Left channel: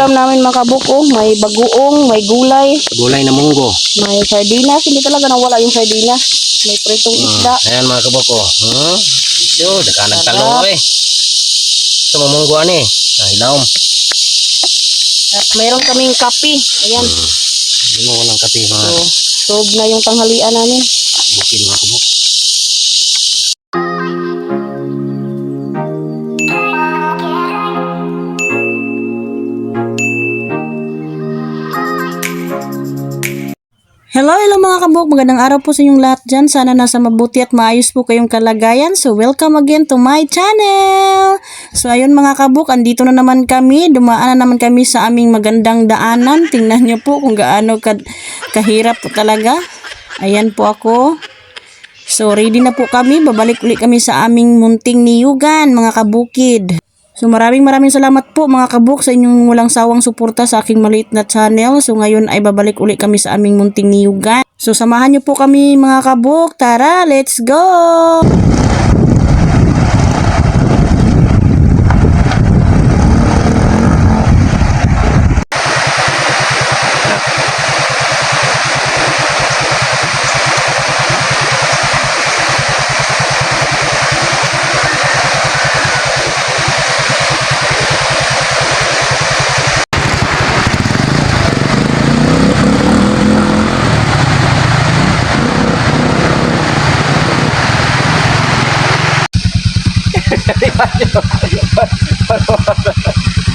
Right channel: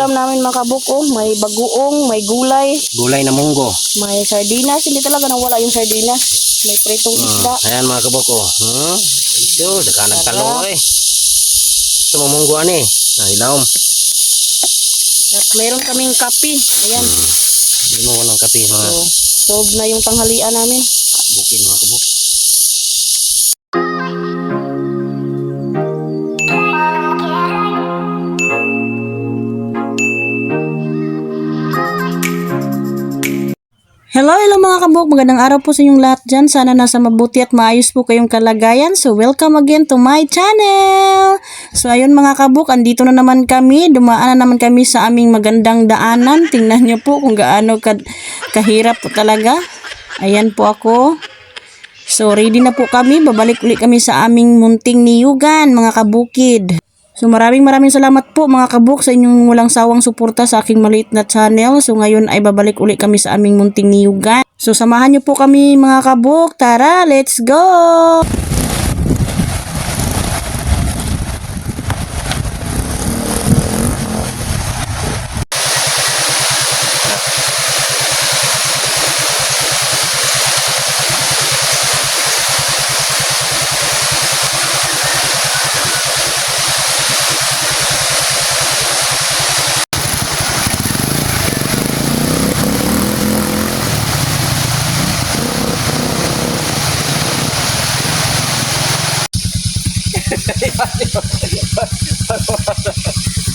ulam namin mga kabuko. May bagoong, may gulay, Gulay na munggo. may sardinas. Hindi talaga nawala yung sardinas. May pritong isda. Ah, ayan mga kaboko. Hmm? Yo, daka nagtalong eh. Sa mga munggo ani. Nahilaw. At mayroon kaming kape. Ayan. Hindi mo walang kape mga So, sob na yung tanghalian namin. bukid mga kaboko. Hello, hello mga kabuk. Magandang araw po sa inyong lahat dyan. Sana nasa mabuti at maayos po kayong kalagayan. So, welcome again to my channel. So, ayun mga kabuk, andito na naman kami. Dumaan na naman kami sa aming magandang daanan. Tingnan nyo po kung gaano ka kahirap po talaga. Ayan po ako. So, ready na po kami. Babalik ulit kami sa aming munting niyugan, mga kabukid. So maraming maraming salamat po mga kabuk sa inyong walang sawang suporta sa aking maliit na channel. So ngayon ay babalik ulit kami sa aming munting niyugan. So samahan niyo po kami mga kabuk. Tara, let's go!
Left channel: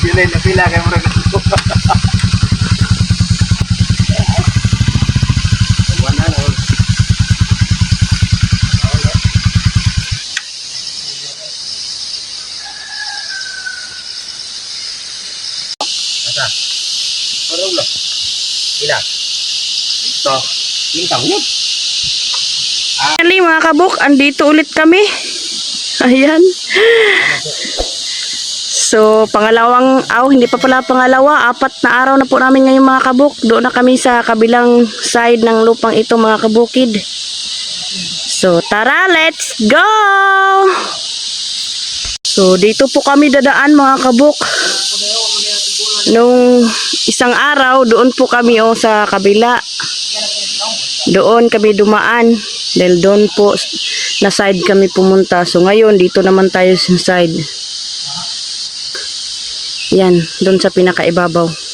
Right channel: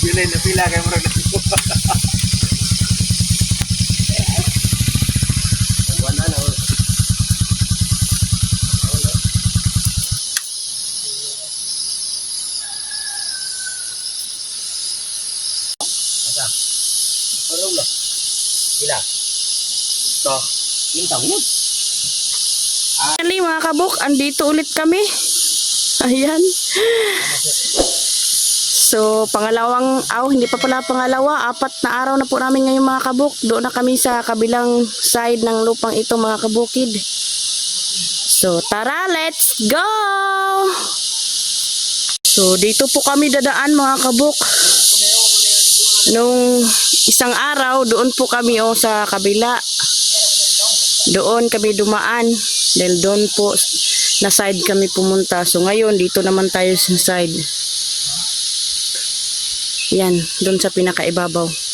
Yun ay napila kay murag. Wala na. Asa? Parang lo. Ila. Ito. Lintang yun. Finally mga kabuk, andito ulit kami. Ayan. So, pangalawang, aw, hindi pa pala pangalawa, apat na araw na po namin ngayon mga kabuk. Doon na kami sa kabilang side ng lupang ito mga kabukid. So, tara, let's go! So, dito po kami dadaan mga kabuk. Nung isang araw, doon po kami oh, sa kabila. Doon kami dumaan. Dahil doon po na side kami pumunta. So, ngayon, dito naman tayo sa side. Yan, doon sa pinakaibabaw.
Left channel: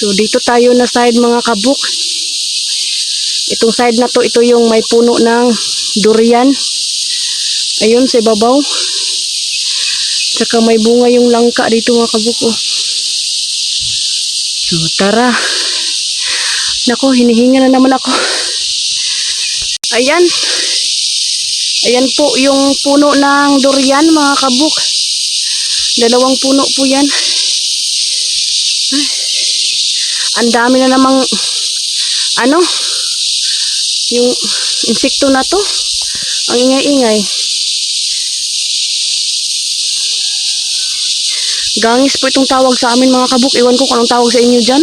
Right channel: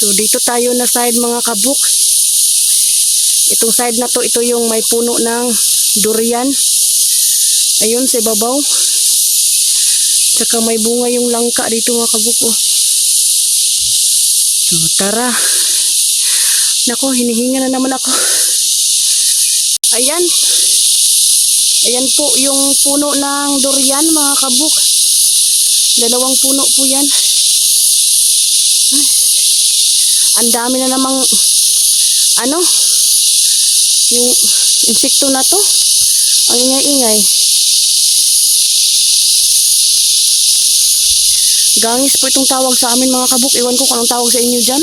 So dito tayo na side mga kabuk. Itong side na to, ito yung may puno ng durian. Ayun sa ibabaw. Tsaka may bunga yung langka dito mga kabuk. Oh. So tara. Nako, hinihinga na naman ako. Ayan. Ayan po yung puno ng durian mga kabuk. Dalawang puno po yan. Ang dami na namang ano yung insekto na to. Ang ingay-ingay. Gangis po itong tawag sa amin mga kabuk. Iwan ko kung tawag sa inyo dyan.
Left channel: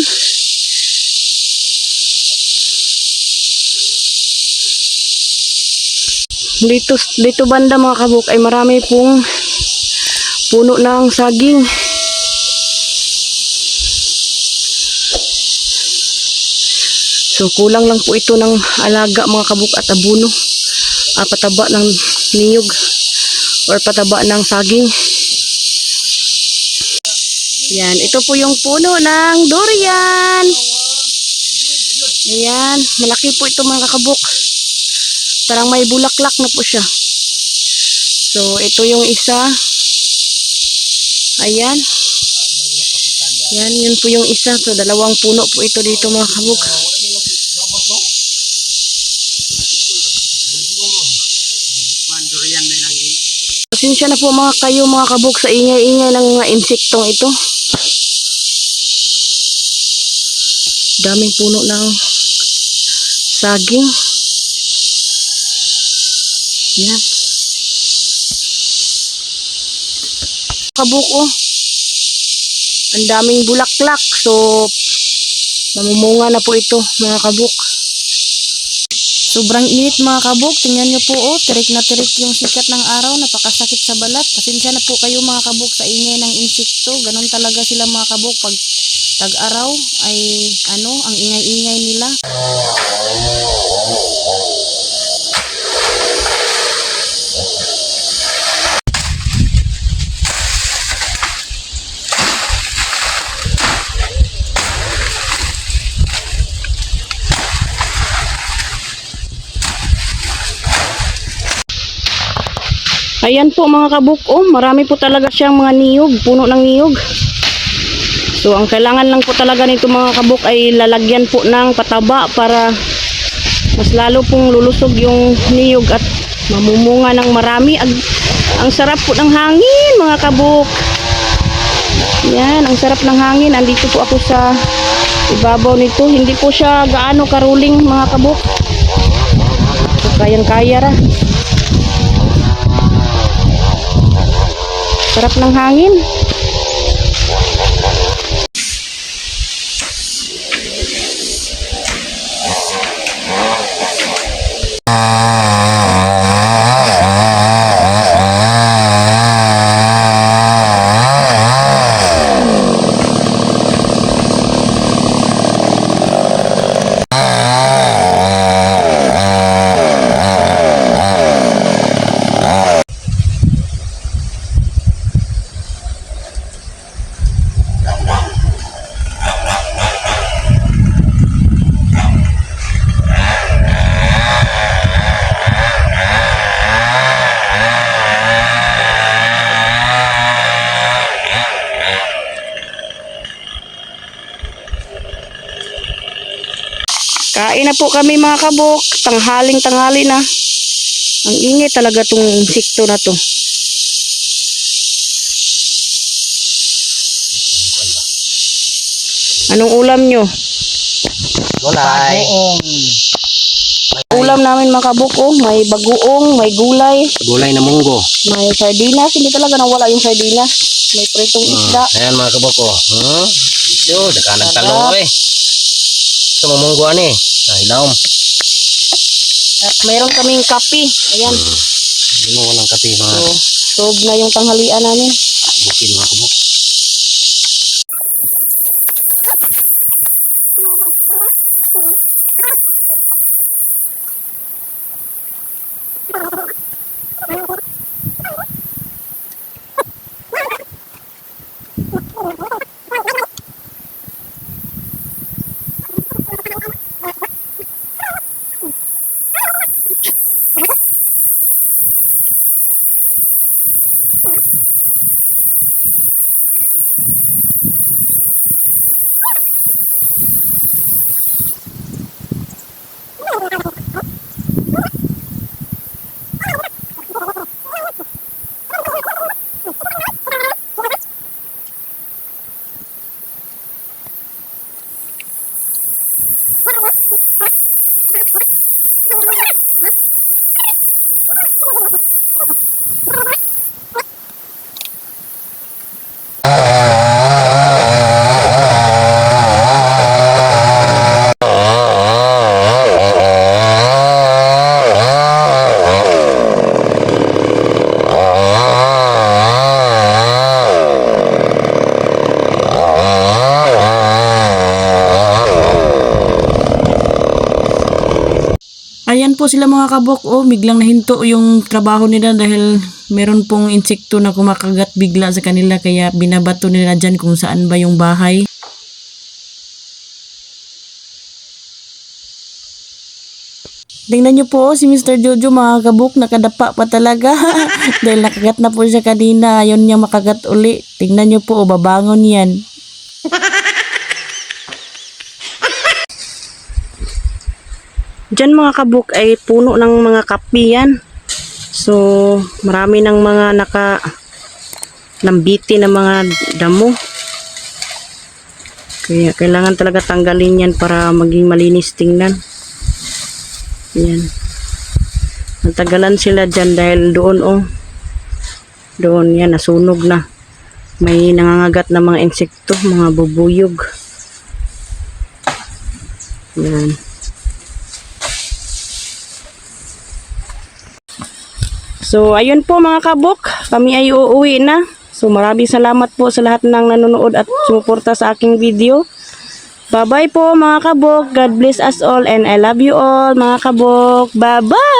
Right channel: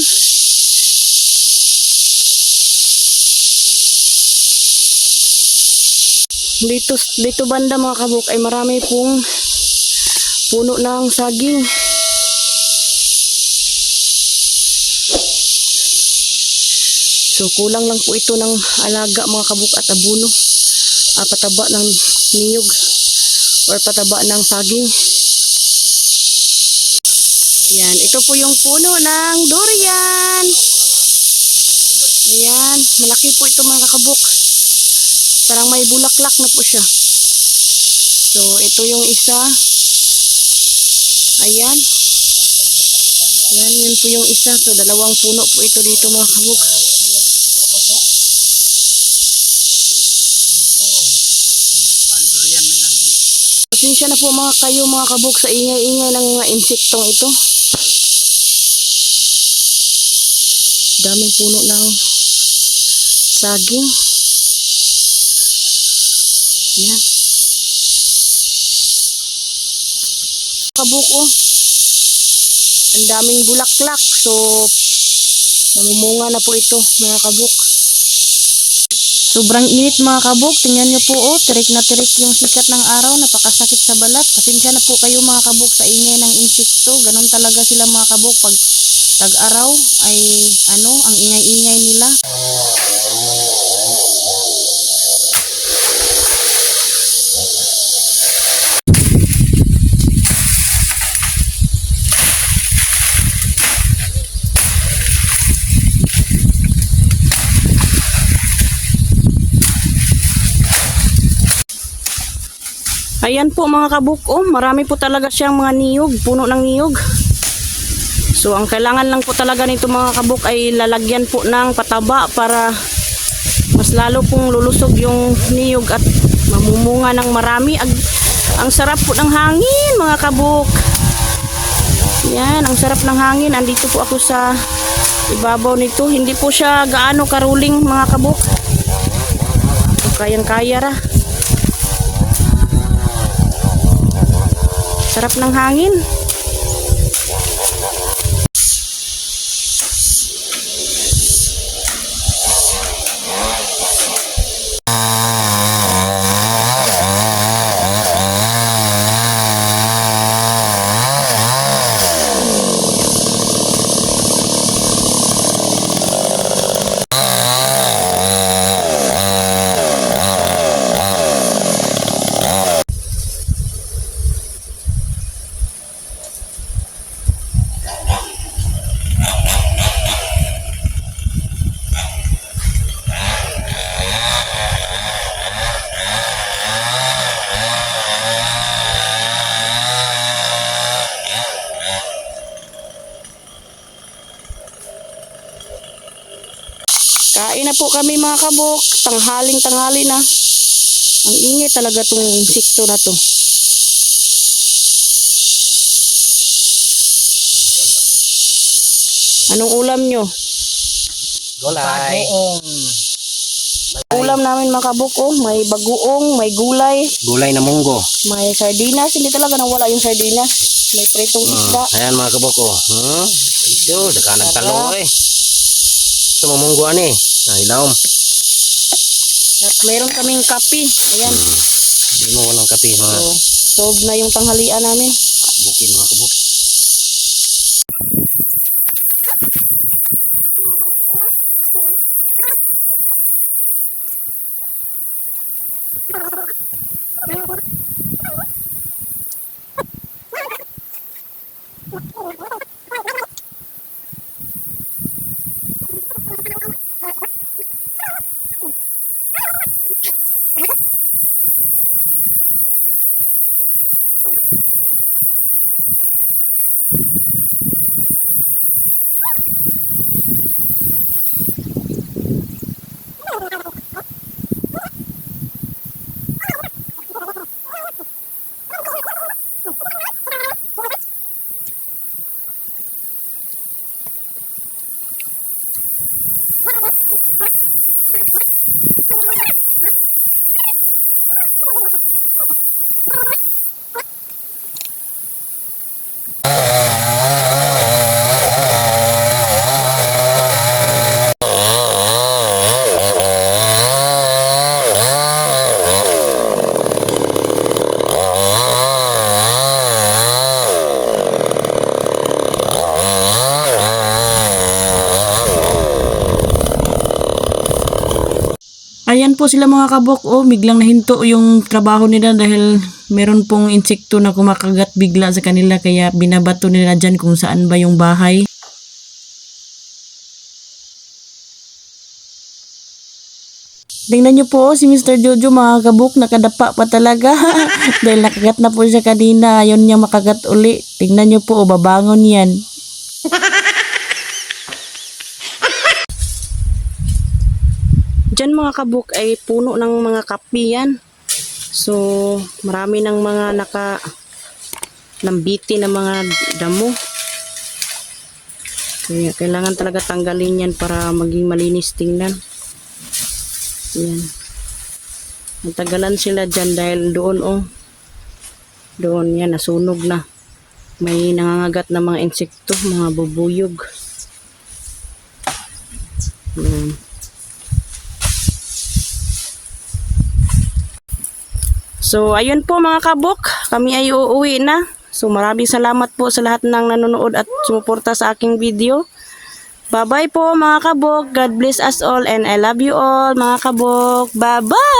dito dito banda mga kabuk ay marami pong puno ng saging so kulang lang po ito ng alaga mga kabuk at abuno ah, pataba ng niyog or pataba ng saging yan ito po yung puno ng durian ayan malaki po ito mga kabuk Parang may bulaklak na po siya. So, ito yung isa. Ayan. Yan, yun po yung isa. So, dalawang puno po ito dito mga kabuk. Pasensya na po mga kayo mga kabuk sa ingay-ingay ng mga insektong ito. Daming puno ng saging. Yan. Kabuk oh. Ang daming bulaklak. So, mamumunga na po ito mga kabuk. So, Sobrang init mga kabuk. Tingnan nyo po oh, tirik na tirik yung sikat ng araw. Napakasakit sa balat. Pasensya na po kayo mga kabuk sa ingay ng insekto. Ganon talaga sila mga kabuk pag tag-araw ay ano, ang ingay-ingay nila. Ayan po mga kabuk, oh, marami po talaga siyang mga niyog, puno ng niyog. So ang kailangan lang po talaga nito mga kabuk ay lalagyan po ng pataba para mas lalo pong lulusog yung niyog at mamumunga ng marami. Ag- ang sarap po ng hangin mga kabuk. Yan, ang sarap ng hangin. Andito po ako sa ibabaw nito. Hindi po siya gaano karuling mga kabuk. Kayang-kaya ra. Sarap ng hangin. Kain na po kami mga kabuk. Tanghaling tanghali na. Ang ingay talaga tong insekto na to. Anong ulam nyo? Gulay. Ulam namin mga kabuk oh. May bagoong, may gulay, Gulay na munggo. may sardinas. Hindi talaga nawala yung sardinas. May presong isda. Hmm. Ayan mga kabuk oh. Hmm? Yo, daka nagtalong eh. Sa mamunggo ani. Nahilaw. At mayroon kaming kape. Ayan. Hindi mo walang kape mga So, sob na yung tanghalian namin. bukid mga kabuk. Ayan po sila mga kabok. Oh, biglang nahinto yung trabaho nila dahil meron pong insekto na kumakagat bigla sa kanila kaya binabato nila dyan kung saan ba yung bahay. Tingnan niyo po oh, si Mr. Jojo mga kabuk nakadapa pa talaga dahil nakagat na po siya kanina ayaw niya makagat uli. Tingnan niyo po oh, babangon yan. Mga kabuk ay puno ng mga kapi yan. So, marami ng mga naka nambiti na mga damo. Kaya kailangan talaga tanggalin yan para maging malinis tingnan. Yan. Natagalan sila dyan dahil doon oh. Doon yan, nasunog na. May nangangagat na mga insekto, mga bubuyog. Yan. So, ayun po mga kabok, kami ay uuwi na. So, maraming salamat po sa lahat ng nanonood at sumuporta sa aking video. Bye-bye po mga kabok. God bless us all and I love you all mga kabok. Bye-bye!